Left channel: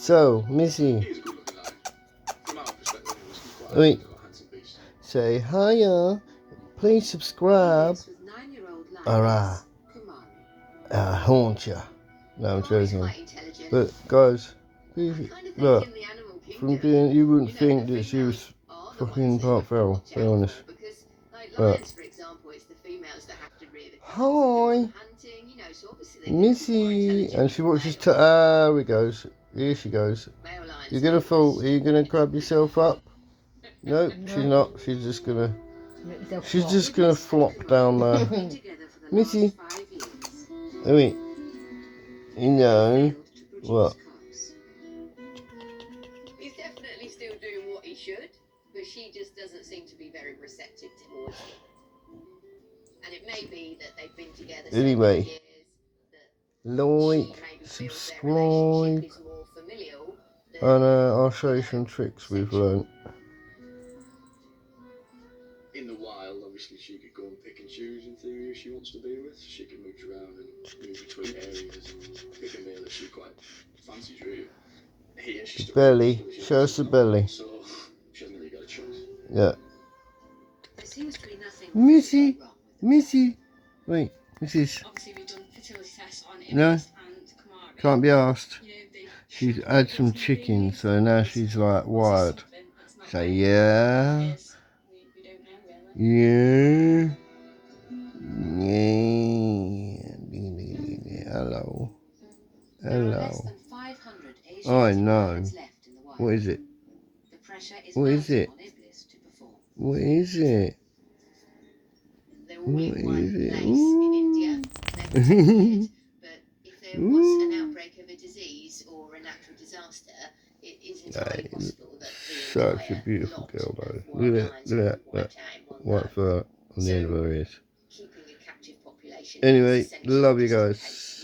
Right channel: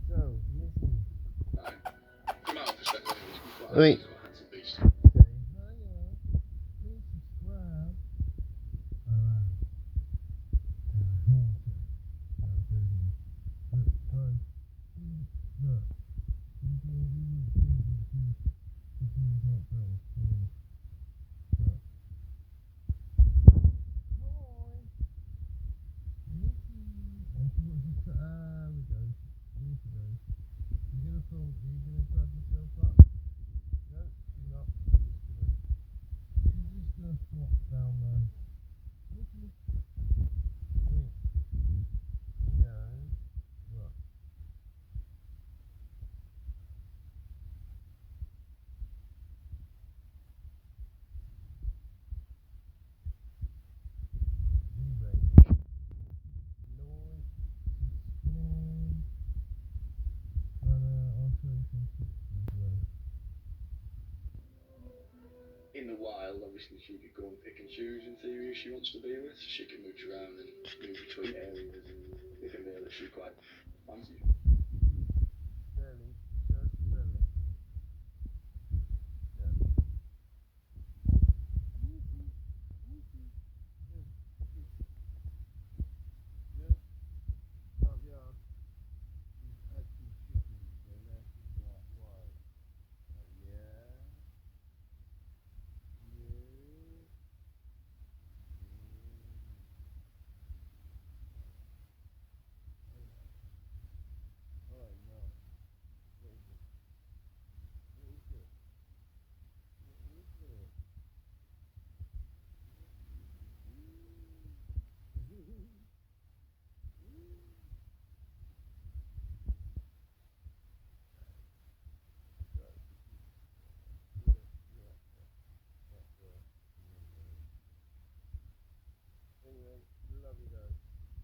So, Missy. Wait. Say hiya. Please subscribe. Alright. I'll haunt ya. No, I'm joking. But guys, please, look. From being, you wouldn't think that she was fucking part feral, to be honest. But hi, Missy, and she watches. Here we goes. Here she goes. You're gonna fall. Are you gonna grab yourself up? Nope, she's not. She's just gonna. She's just gonna flop down there. Missy. I mean, you know what? He's definitely still doing what he should, but she just doesn't seem to be very receptive towards him. And it may be that they've been together Anyway, years, like, subscribe, and I'll show you some tricks we've learned. In the wild, obviously, she could go and pick and choose in theory who she wants to be with. She can move around and move between areas. It can be that she quite fancies really. Here, she's Belly, show us the belly. So she hasn't really got a choice. Yeah. Missy, Missy. Wait, Mrs. Obviously, we've done fertility tests on No, and Kamara. can't be asked. She's had some chicken, so now she's like wired. Say yeah. Yeah. Yeah. Hello. Hello. I know. What is it? What is it? What is it? What is it? Ooh. But if there was an outbreak of a disease or a natural disaster, it is entirely possible that such a beautiful girl, though. Look at that white fur on the end of her ears. Anyway, love you guys.